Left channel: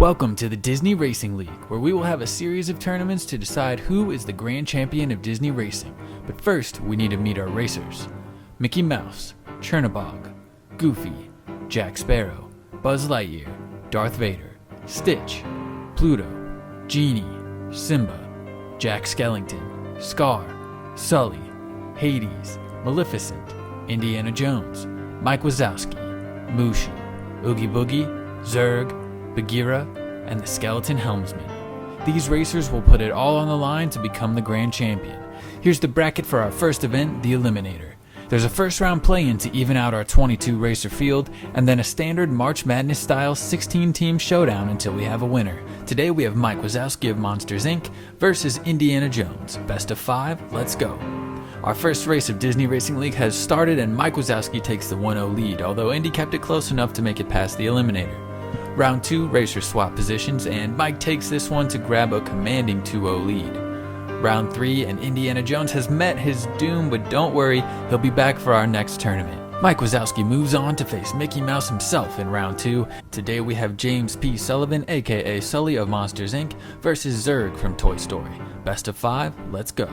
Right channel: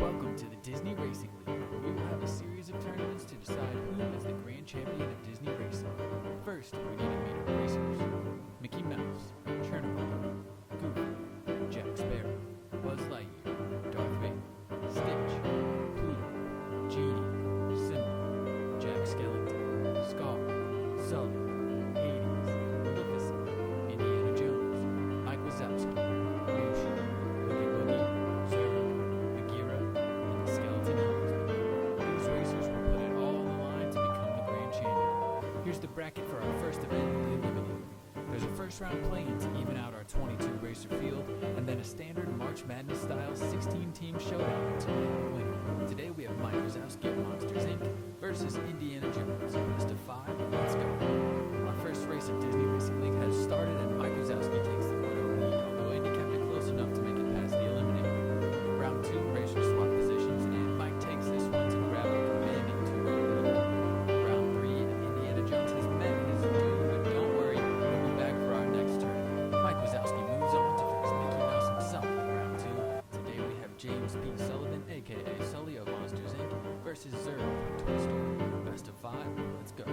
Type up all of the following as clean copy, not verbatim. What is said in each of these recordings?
Welcome to the Disney Racing League, where we will have a series of tournaments to decide who is the grand champion of Disney racing. But first, we need to meet our racers. Mickey Mouse, Chernabog, Goofy, Jack Sparrow, Buzz Lightyear, Darth Vader, Stitch, Pluto, Genie, Simba, Jack Skellington, Scar, Sully, Hades, Maleficent, Indiana Jones, Mike Wazowski, Mushu, Oogie Boogie, Zurg, Bagheera, and the Skeleton Helmsman. These racers will put it all on the line to become the grand champion. Here's the bracket for our first event, the Eliminator. There's a first round play-in to even out our 22 racer field, and then a standard March Madness style 16 team showdown until we have a winner. Today we have Mike Wazowski of Monsters Inc. versus Indiana Jones. Best of 5, let's go. Our first race of Disney Racing League has started and Mike Wazowski takes the 1-0 lead, although Indy kept it close enough to make it past the Eliminator. Round 2, racers swap positions, and Mike takes this one to grab a commanding 2-0 lead. Round 3, and Indiana Jones has met his doom, but don't worry, he'll be back for our next tournament. Mike Wazowski moves on to face Mickey Mouse himself in round 2. Today we have James P. Sullivan, aka Sully of Monsters Inc. versus Zurg from Toy Story. Best of 5, let's go.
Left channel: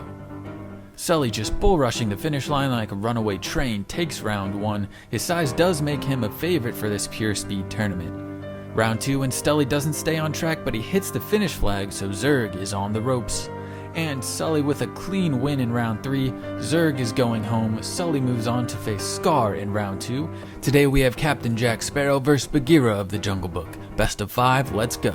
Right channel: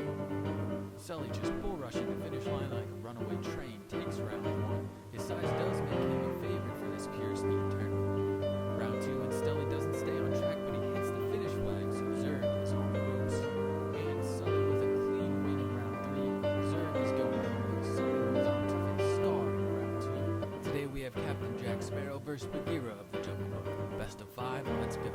Sully, just bull rushing the finish line like a runaway train, takes round 1. His size does make him a favorite for this pure speed tournament. Round 2, and Sully doesn't stay on track, but he hits the finish flag, so Zurg is on the ropes. And Sully with a clean win in round 3. Zurg is going home. Sully moves on to face Scar in round 2. Today we have Captain Jack Sparrow versus Bagheera of the Jungle Book. Best of 5, let's go.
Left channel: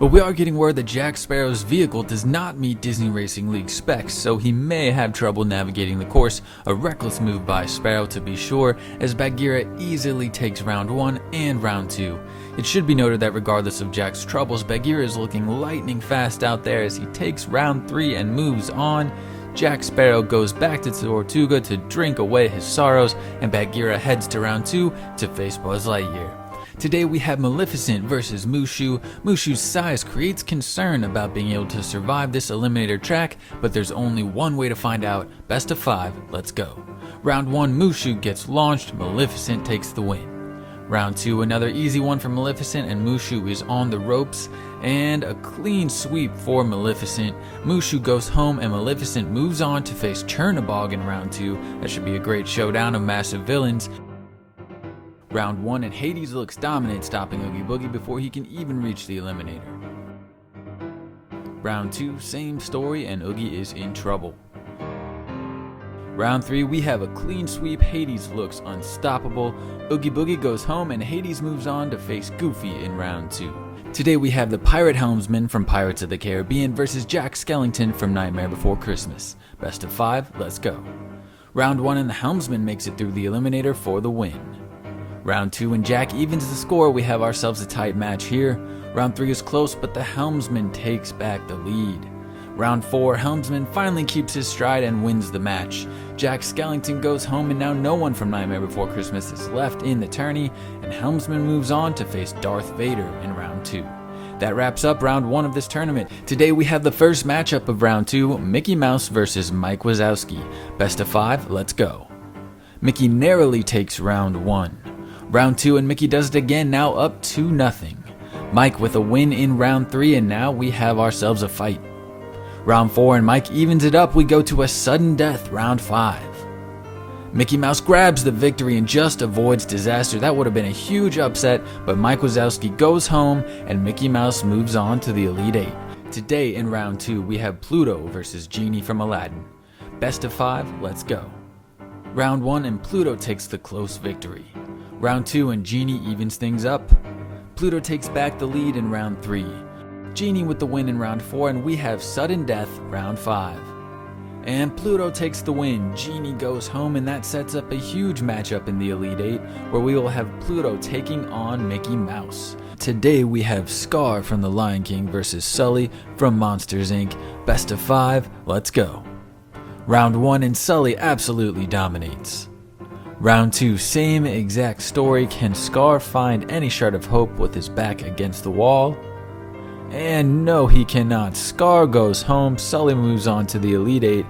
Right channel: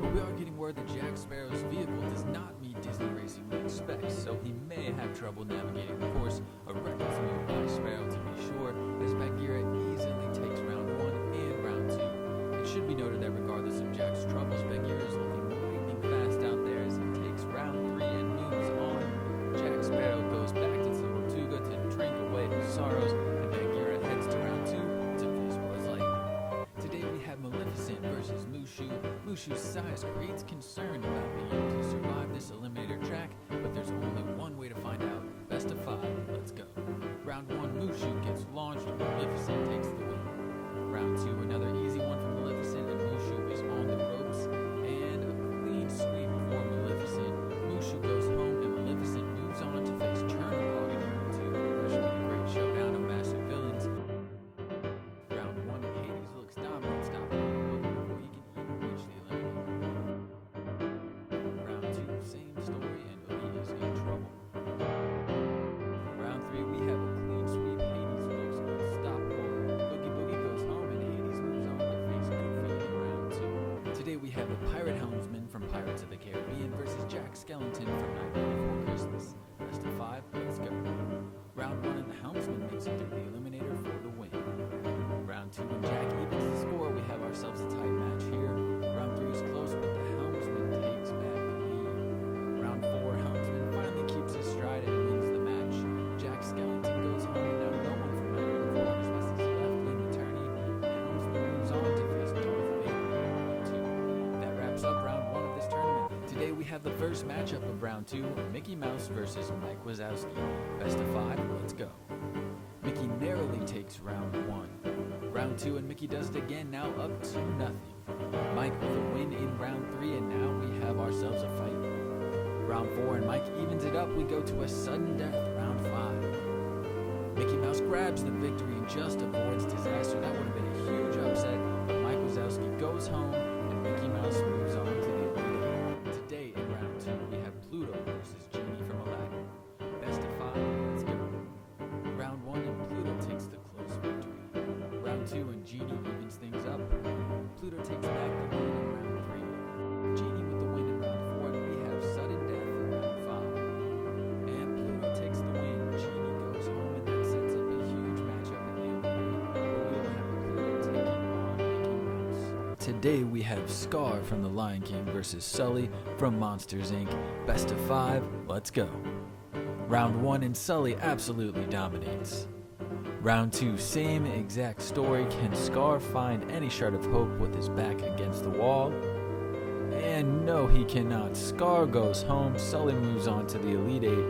But we are getting word that Jack Sparrow's vehicle does not meet Disney Racing League specs, so he may have trouble navigating the course. A reckless move by Sparrow to be sure, as Bagheera easily takes round 1 and round 2. It should be noted that regardless of Jack's troubles, Bagheera is looking lightning fast out there as he takes round 3 and moves on. Jack Sparrow goes back to Tortuga to drink away his sorrows, and Bagheera heads to round 2 to face Buzz Lightyear. Today we have Maleficent versus Mushu. Mushu's size creates concern about being able to survive this Eliminator track, but there's only one way to find out. Best of 5, let's go. Round 1, Mushu gets launched, Maleficent takes the win. Round 2, another easy one for Maleficent, and Mushu is on the ropes, and a clean sweep for Maleficent. Mushu goes home, and Maleficent moves on to face Chernabog in round 2. That should be a great showdown of massive villains. Round 1, and Hades looks dominant, stopping Oogie Boogie before he can even reach the Eliminator. Round 2, same story, and Oogie is in trouble. Round 3, we have a clean sweep. Hades looks unstoppable. Oogie Boogie goes home, and Hades moves on to face Goofy in round 2. Today we have the Pirate Helmsman from Pirates of the Caribbean versus Jack Skellington from Nightmare Before Christmas. Best of 5, let's go. Round 1, and the Helmsman makes it through the Eliminator for the win. Round 2, and Jack evens the score. We have ourselves a tight match here. Round 3 is close, but the Helmsman takes back the lead. Round 4, Helmsman finally keeps his stride and wins the match. Jack Skellington goes home, and now no one from Nightmare Before Christmas is left in the tourney, and Helmsman moves on to face Darth Vader in round 2. That wraps up round 1 of this tournament. Today we have the first matchup of round 2, Mickey Mouse versus Mike Wazowski. Best of 5, let's go. Mickey narrowly takes round 1. Round 2, and Mickey does it again, now up 2-0. Mike with a win in round 3, and now we have ourselves a fight. Round 4, and Mike evens it up. We go to a sudden death, round 5. Mickey Mouse grabs the victory and just avoids disaster. That would have been a huge upset, but Mike Wazowski goes home, and Mickey Mouse moves on to the Elite 8. Today in round 2, we have Pluto versus Genie from Aladdin. Best of 5, let's go. Round 1, and Pluto takes the close victory. Round 2, and Genie evens things up. Pluto takes back the lead in round 3. Genie with the win in round 4, and we have sudden death round 5. And Pluto takes the win. Genie goes home, and that sets up a huge matchup in the Elite 8, where we will have Pluto taking on Mickey Mouse. Today we have Scar from The Lion King versus Sully from Monsters Inc. Best of 5, let's go. Round 1, and Sully absolutely dominates. Round 2, same exact story. Can Scar find any shred of hope with his back against the wall? And no, he cannot. Scar goes home. Sully moves on to the Elite 8.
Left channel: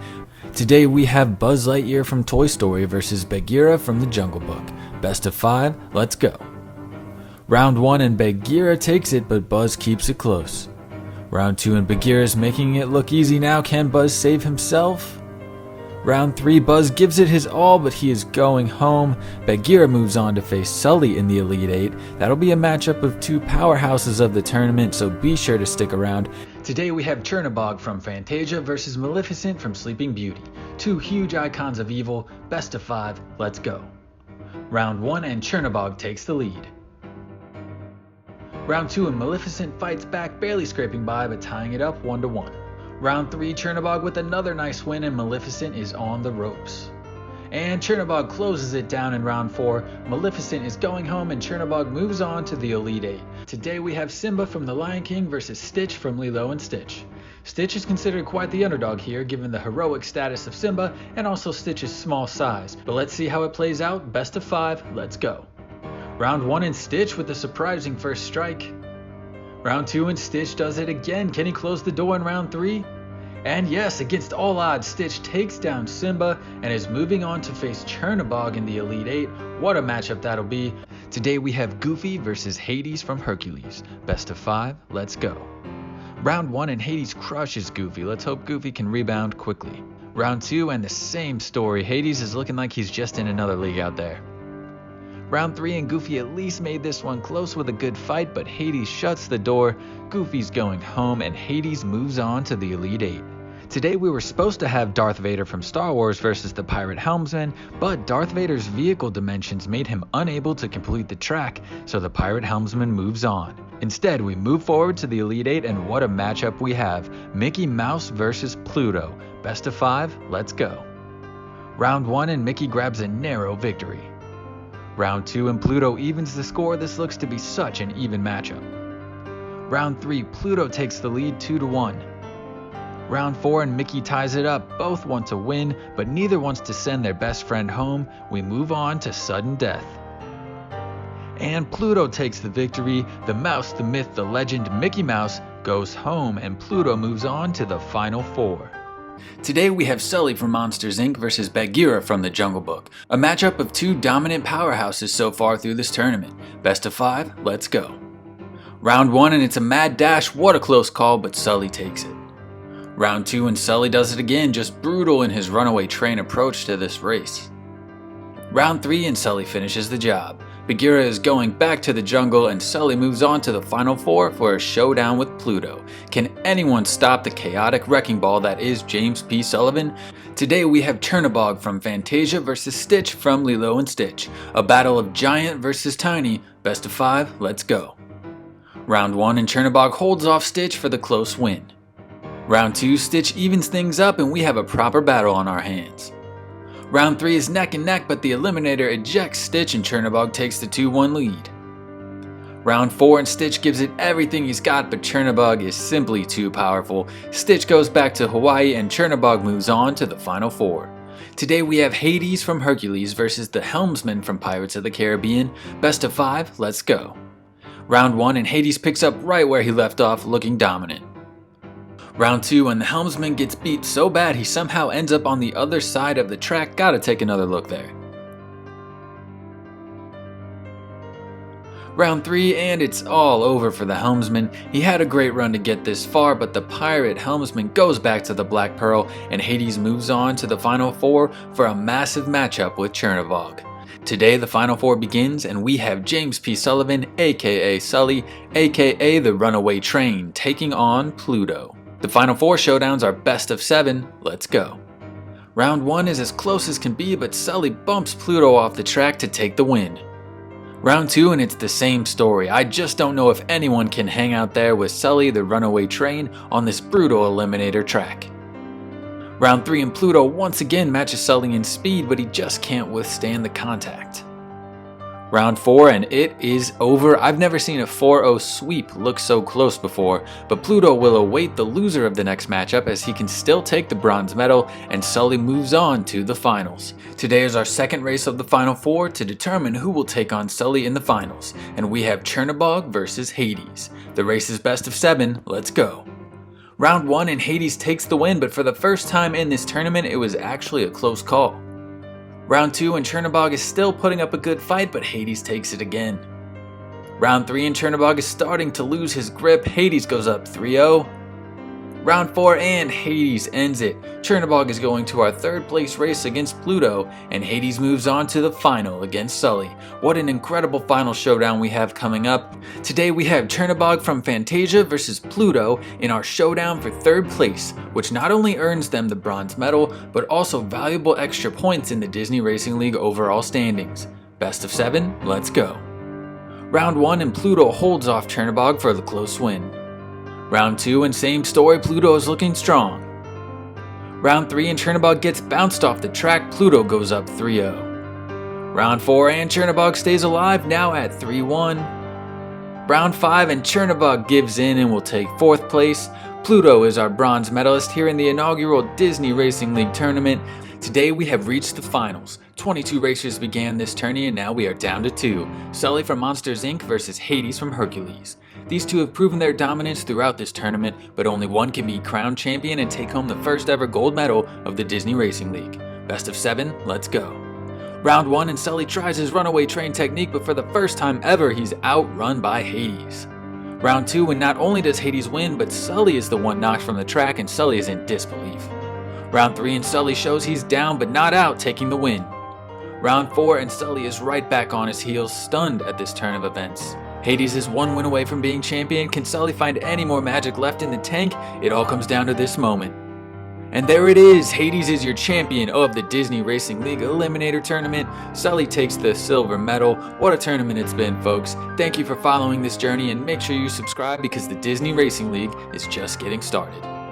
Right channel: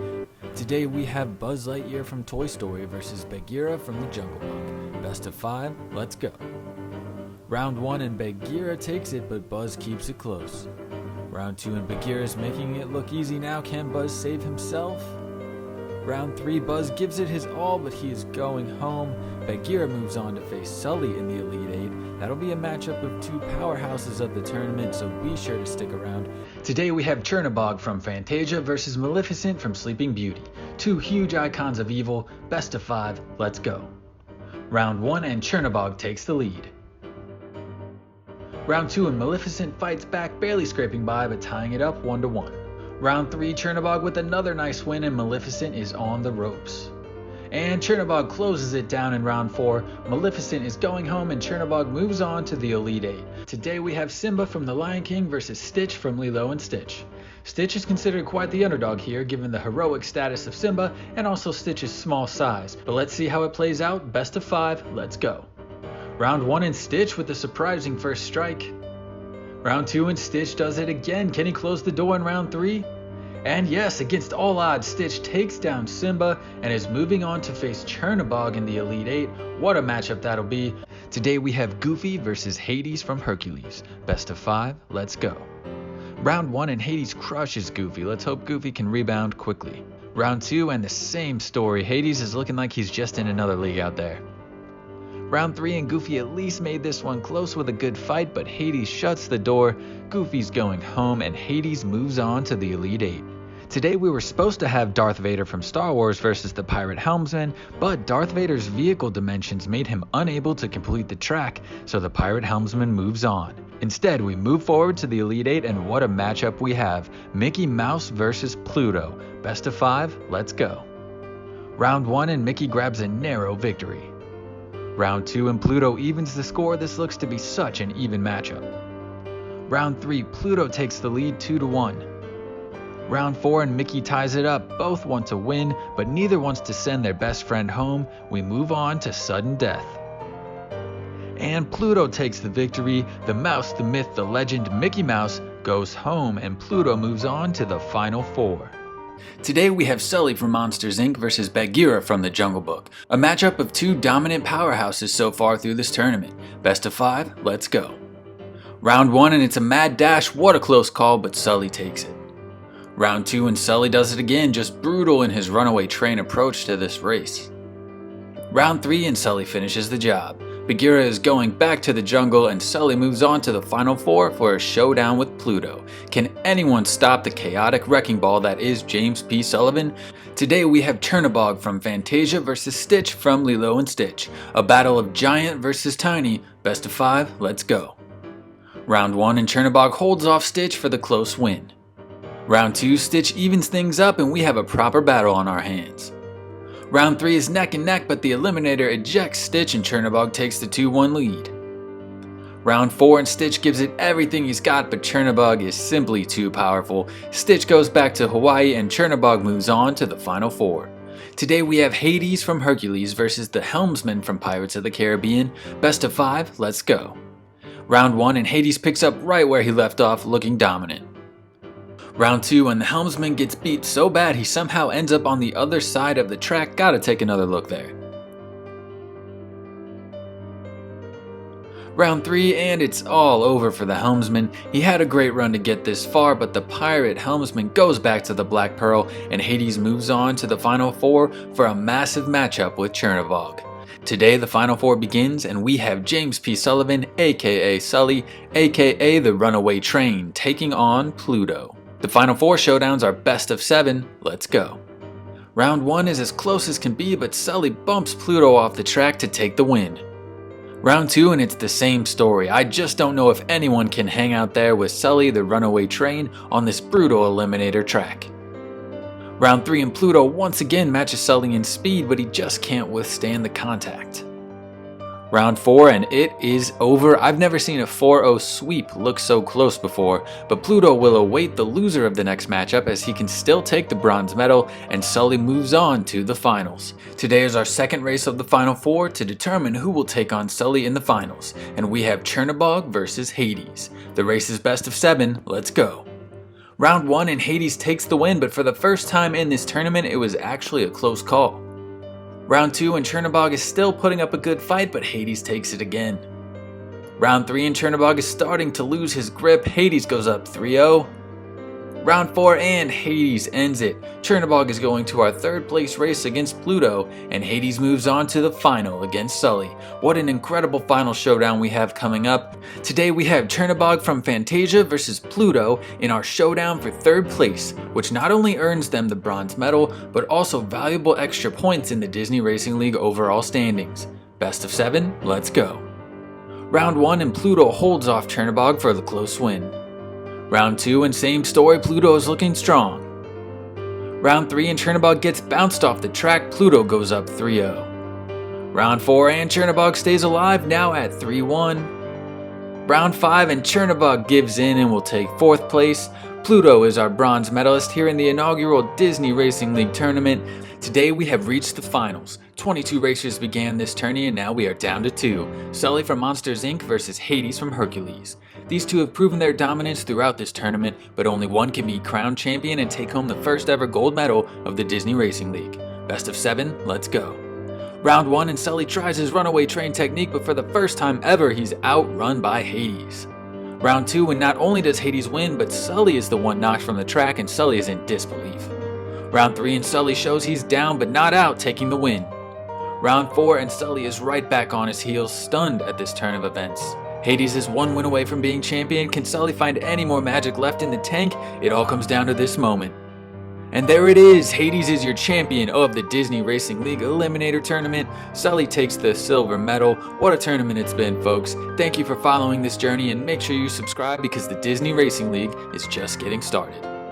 Today we have Buzz Lightyear from Toy Story versus Bagheera from the Jungle Book. Best of 5, let's go. Round 1 and Bagheera takes it, but Buzz keeps it close. Round 2 and Bagheera's making it look easy now. Can Buzz save himself? Round 3, Buzz gives it his all, but he is going home. Bagheera moves on to face Sully in the Elite 8. That'll be a matchup of two powerhouses of the tournament, so be sure to stick around. Today we have Chernabog from Fantasia versus Maleficent from Sleeping Beauty. Two huge icons of evil, best of 5, let's go. Round 1 and Chernabog takes the lead. Round 2 and Maleficent fights back, barely scraping by but tying it up 1-1. Round 3, Chernabog with another nice win and Maleficent is on the ropes. And Chernabog closes it down in round 4. Maleficent is going home and Chernabog moves on to the Elite 8. Today we have Simba from The Lion King versus Stitch from Lilo and Stitch. Stitch is considered quite the underdog here given the heroic status of Simba and also Stitch's small size. But let's see how it plays out. Best of 5, let's go. Round 1 and Stitch with a surprising first strike. Round 2 and Stitch does it again. Can he close the door in round 3? And yes, against all odds, Stitch takes down Simba and is moving on to face Chernabog in the Elite 8. What a matchup that'll be. Today we have Goofy versus Hades from Hercules. Best of 5, let's go. Round 1 and Hades crushes Goofy. Let's hope Goofy can rebound quickly. Round 2 and the same story. Hades is looking like he's just in another league out there. Round 3 and Goofy at least made this one close with a good fight, but Hades shuts the door. Goofy's going home and Hades moves on to the Elite 8. Today we were supposed to have Darth Vader from Star Wars versus the Pirate Helmsman, but Darth Vader's vehicle dimensions made him unable to complete the track, so the Pirate Helmsman moves on. Instead, we move forward to the Elite 8 and what a matchup we have. Mickey Mouse versus Pluto. Best of 5, let's go. Round 1 and Mickey grabs a narrow victory. Round 2 and Pluto evens the score. This looks to be such an even matchup. Round 3, Pluto takes the lead 2-1. Round 4 and Mickey ties it up. Both want to win, but neither wants to send their best friend home. We move on to sudden death. And Pluto takes the victory. The mouse, the myth, the legend, Mickey Mouse goes home and Pluto moves on to the final 4. Today we have Sully from Monsters Inc. versus Bagheera from The Jungle Book. A matchup of two dominant powerhouses so far through this tournament. Best of 5, let's go. Round 1 and it's a mad dash. What a close call, but Sully takes it. Round 2 and Sully does it again, just brutal in his runaway train approach to this race. Round 3 and Sully finishes the job. Bagheera is going back to the jungle and Sully moves on to the final 4 for a showdown with Pluto. Can anyone stop the chaotic wrecking ball that is James P. Sullivan? Today we have Chernabog from Fantasia versus Stitch from Lilo and Stitch. A battle of giant versus tiny. Best of 5, let's go. Round 1 and Chernabog holds off Stitch for the close win. Round 2, Stitch evens things up and we have a proper battle on our hands. Round 3 is neck and neck, but the Eliminator ejects Stitch and Chernabog takes the 2-1 lead. Round 4 and Stitch gives it everything he's got, but Chernabog is simply too powerful. Stitch goes back to Hawaii and Chernabog moves on to the final 4. Today we have Hades from Hercules versus the Helmsman from Pirates of the Caribbean. Best of 5, let's go. Round 1 and Hades picks up right where he left off, looking dominant. Round 2 and the Helmsman gets beat so bad he somehow ends up on the other side of the track. Gotta take another look there. Round 3 and it's all over for the Helmsman. He had a great run to get this far, but the Pirate Helmsman goes back to the Black Pearl and Hades moves on to the final 4 for a massive matchup with Chernabog. Today the final 4 begins and we have James P. Sullivan, aka Sully, aka the Runaway Train, taking on Pluto. The final 4 showdowns are best of 7, let's go. Round 1 is as close as can be, but Sully bumps Pluto off the track to take the win. Round 2 and it's the same story. I just don't know if anyone can hang out there with Sully the Runaway Train on this brutal Eliminator track. Round 3 and Pluto once again matches Sully in speed, but he just can't withstand the contact. Round 4 and it is over. I've never seen a 4-0 sweep look so close before, but Pluto will await the loser of the next matchup as he can still take the bronze medal and Sully moves on to the finals. Today is our second race of the final 4 to determine who will take on Sully in the finals, and we have Chernabog versus Hades. The race is best of 7, let's go. Round 1 and Hades takes the win, but for the first time in this tournament it was actually a close call. Round 2 and Chernabog is still putting up a good fight, but Hades takes it again. Round 3 and Chernobog is starting to lose his grip. Hades goes up 3-0. Round 4 and Hades ends it. Chernobog is going to our third place race against Pluto, and Hades moves on to the final against Sully. What an incredible final showdown we have coming up. Today we have Chernobog from Fantasia versus Pluto in our showdown for third place, which not only earns them the bronze medal, but also valuable extra points in the Disney Racing League overall standings. Best of 7, let's go. Round 1 and Pluto holds off Chernobog for the close win. Round 2 and same story, Pluto is looking strong. Round 3 and Chernobog gets bounced off the track, Pluto goes up 3-0. Round 4 and Chernobog stays alive, now at 3-1. Round 5 and Chernobog gives in and will take 4th place. Pluto is our bronze medalist here in the inaugural Disney Racing League tournament. Today we have reached the finals. 22 racers began this tourney and now we are down to 2. Sully from Monsters Inc. versus Hades from Hercules. These two have proven their dominance throughout this tournament, but only one can be crowned champion and take home the first ever gold medal of the Disney Racing League. Best of 7, let's go. Round 1 and Sully tries his runaway train technique, but for the first time ever he's outrun by Hades. Round 2 and not only does Hades win, but Sully is the one knocked from the track and Sully is in disbelief. Round 3 and Sully shows he's down but not out, taking the win. Round 4 and Sully is right back on his heels, stunned at this turn of events. Hades is one win away from being champion. Can Sully find any more magic left in the tank? It all comes down to this moment. And there it is, Hades is your champion of the Disney Racing League Eliminator Tournament. Sully takes the silver medal. What a tournament it's been, folks. Thank you for following this journey and make sure you subscribe because the Disney Racing League is just getting started.